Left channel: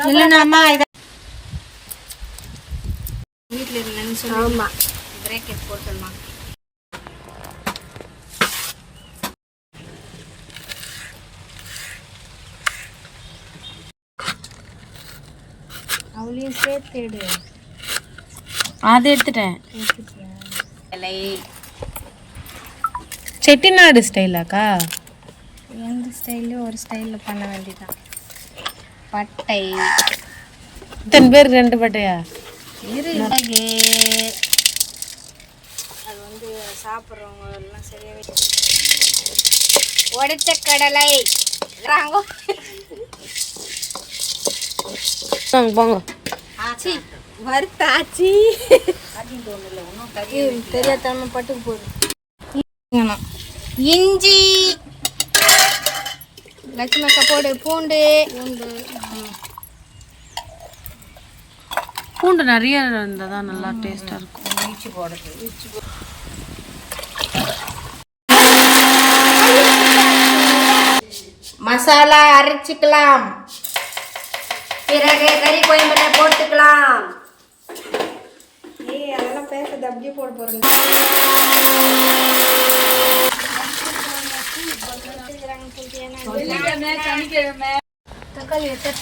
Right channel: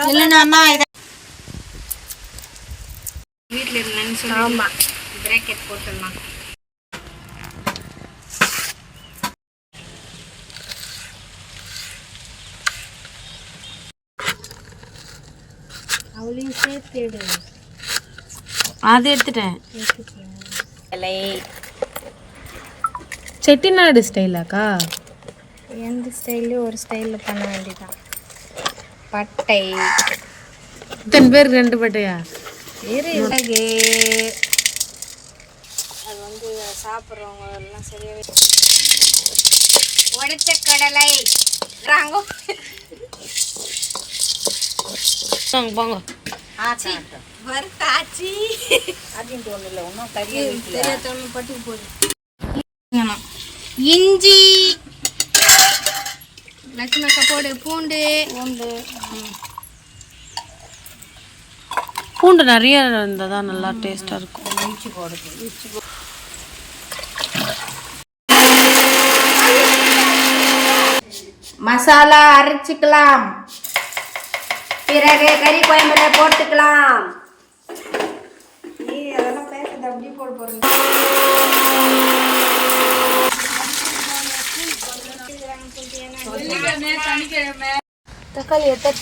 இதை வீட்டில் இருந்தேன்னு சொல்லி ஆமாம் பிரேக்கெட் போட்டுடலாம். அவளையும் சேர்த்துடு அதை எடுத்துட்டேன். இலை. செட்டிநாடு ஸ்டைலாக்கா எந்த ஸ்டைல்லையும் ஒரு ஸ்டைலில் பண்ண வேண்டியதான் பட்டை. இத்தனை பேருக்கு ரெண்டு பட்டையா? இரு மிளகு அது வந்து சாப்பிட்றவங்க எல்லாம் சரியாக உடைச்ச கடலை. ராங்கோ போங்க போங்க ஆச்சி. வறுத்தாச்சி. அப்படின்ட்டு ஒன்றும் இல்லை ஒன்றும் தெரியாதனமா பட்டுக்கு போகுது இஞ்சி. அக்கா போடு பூண்டு. பூண்டு பூண்டு நிறைய இருந்தால் தான் நல்லா டேஸ்ட்டாக இருக்கும். இஞ்சி போடுது. இஞ்சி மசாலா அரைச்சிக்கலாம். பிறகு கறி குழம்புல போட்டுக்கலாம். அதெல்லாம் பேசுறது அப்படியே போட போறேன். தக்காளி எத்தனை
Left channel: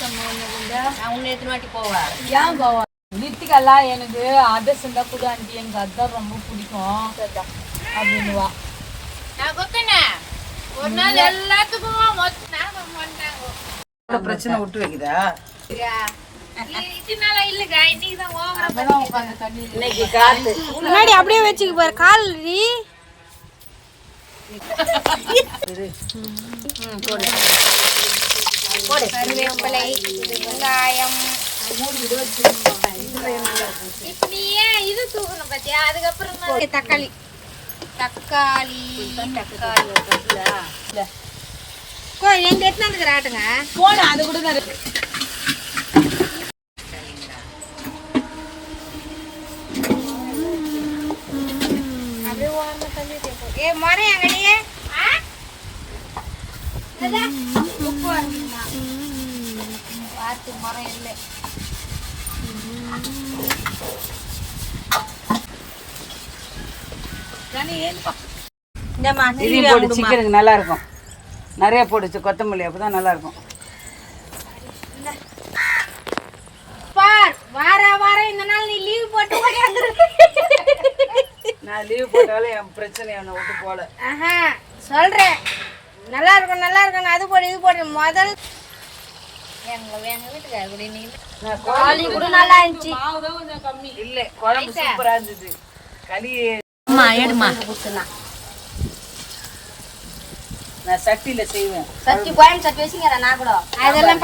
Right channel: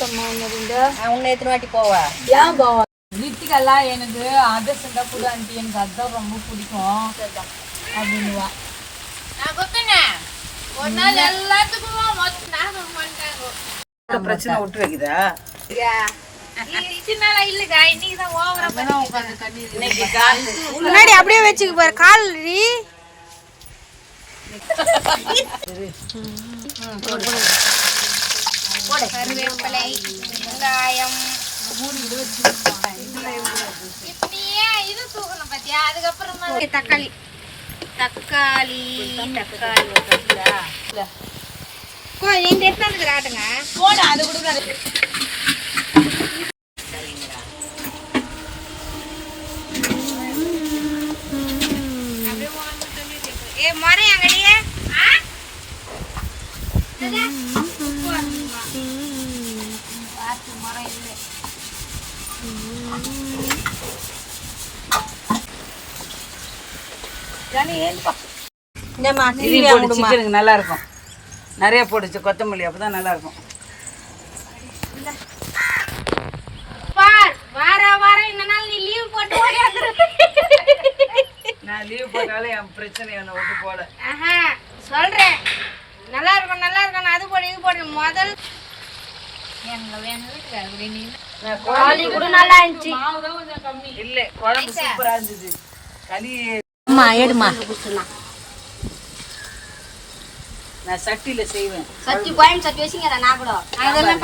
உன்னை எத்தனை வாட்டி போவா? ஏன் கோவா லித்திகெல்லாம் எனக்கு அதிர்ஷ்டம் தான் கூட ஆண்டி எனக்கு அதுதான் ரொம்ப பிடிக்கும். அப்படின்னுவா. ஒரு நாள் எல்லாத்துக்கும் பிரச்சனை விட்டு வைக்குதா? முன்னாடி அப்படியே வச்சுக்க பாரு கால் கருவேப்பிலை வெங்காயம். தக்காளி. தக்காளி தக்காளி. கோ எங்க எடுத்து வந்து ஆட்டுங்க போன அது கூட நான் அப்படியே ஓரமா தள்ளிட்டு போ. ஏ மரம் எங்கடியே பார்த்து மரம் இல்லை இதையும் போட்டு சிக்கனுக்கு நல்லா இருக்கும் நிறைய போடுச்சு கொத்தமல்லி அப்பதான் நல்லா இருக்கும் பார் வார வாரம் இந்த நாள் நீ லீவ் போட்டு நான் லீவ் போட்டாலும் என் பிரச்சனை என்னை விட்டு போல சொல்றேன். நல்லா இருக்கும் நல்லா இருக்கும் அது போடு இது போடு. முதல் சட்டியில செய்வேன். சட்டி கோயம் சட்டி வச்சுங்க நான் கூட. அதெல்லாம்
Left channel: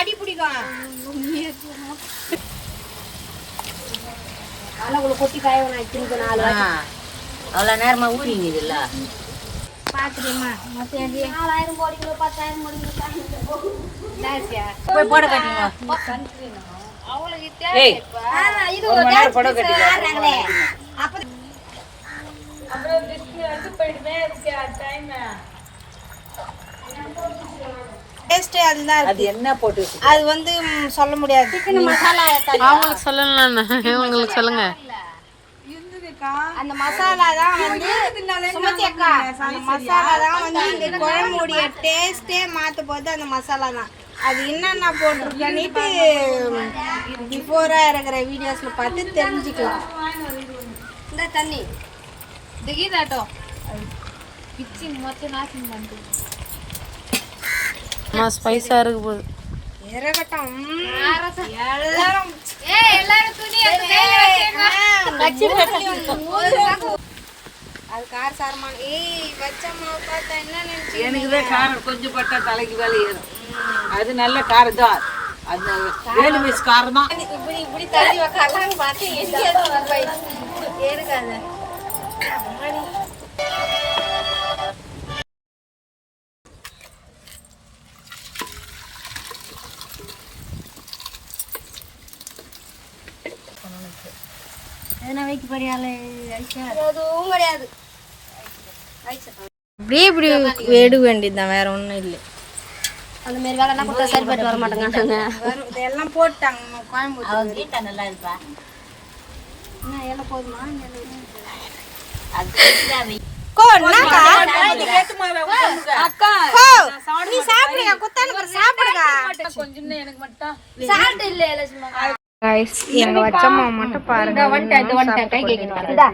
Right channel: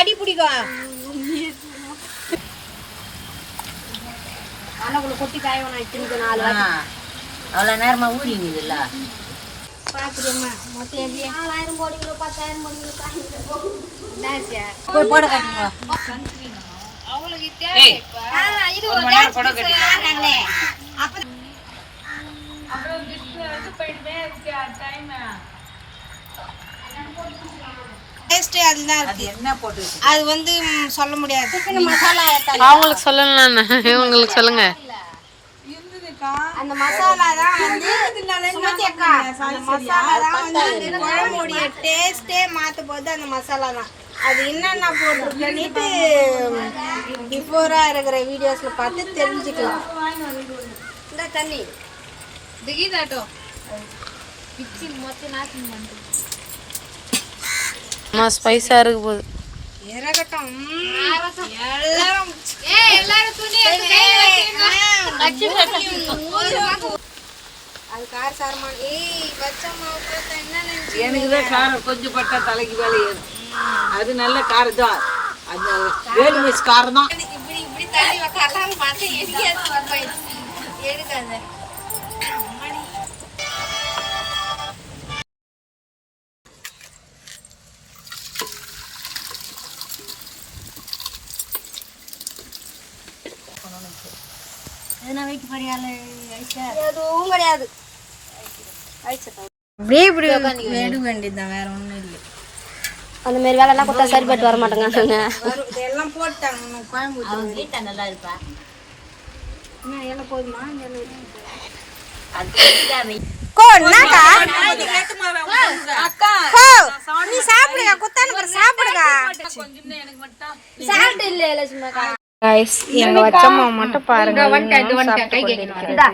அடி கொட்டி காய திரும்ப நாலு அவ்வளோ நேரமா ஊறிங்க கோடி போய் போட காட்டிங்க. அது என்ன போட்டு வச்சு அது வந்து சொல்ல முடியாது. அவங்களுக்கு சொல்லலாம் இவங்களுக்கு சொல்லுங்க. அந்த மசாலா தான் வந்து சுமதி அக்கா. அந்த மசாலா தான் வந்து இந்த குழம்புடைய டேஸ்டே மாத்த போது அந்த மசாலா தான். அது என்னென்ன போட்டிருக்கன்னுட்டு பிஃபோரா இருக்கிற வீடியோஸ்ல பார்த்து தெரிஞ்சுக்கலாம். இந்த தண்ணி. அம்மா ஸ்பைஸாக இருக்கு போகுது. இறகட்டும் எல்லாரும் அது கார சாரமான. ஏய் வச்சம்மா பார்த்தா என்ன நினைச்சு எனக்கு தான் காரம் கொஞ்சம் பட்டா தலைக்கு மேலே ஏறும். அது நல்ல காரம் தான். அது ஏழு வயசு காரம் தான். இப்படி இப்படி தள்ளி உக்காரலாம்னு பார்த்தேன் போயிடுச்சு எடுக்காத அம்மாடி. எதுனா வைக்க படியால எதுவும் கிடையாது அப்படியே இப்படி எடு வேண்டியதுதான் வேற ஒன்றும் இல்லை. அந்த மாதிரி வேலைலாம் கொடுத்தா சரிப்பட்டு வர வரும். எல்லாம் போட்டாங்க கோயம்புத்தூர் நல்லா இருப்பா. எல்லாம் போதுமா? சாப்பிடுங்க குத்தானு சாப்பிடுங்க. கொஞ்சம் எனக்கு மட்டும் சாப்பிட்டு இல்லை சும்மா எங்க வச்சம்மா மட்டும் பாருங்க சாப்பிட்டு கொண்டிருக்கிறது.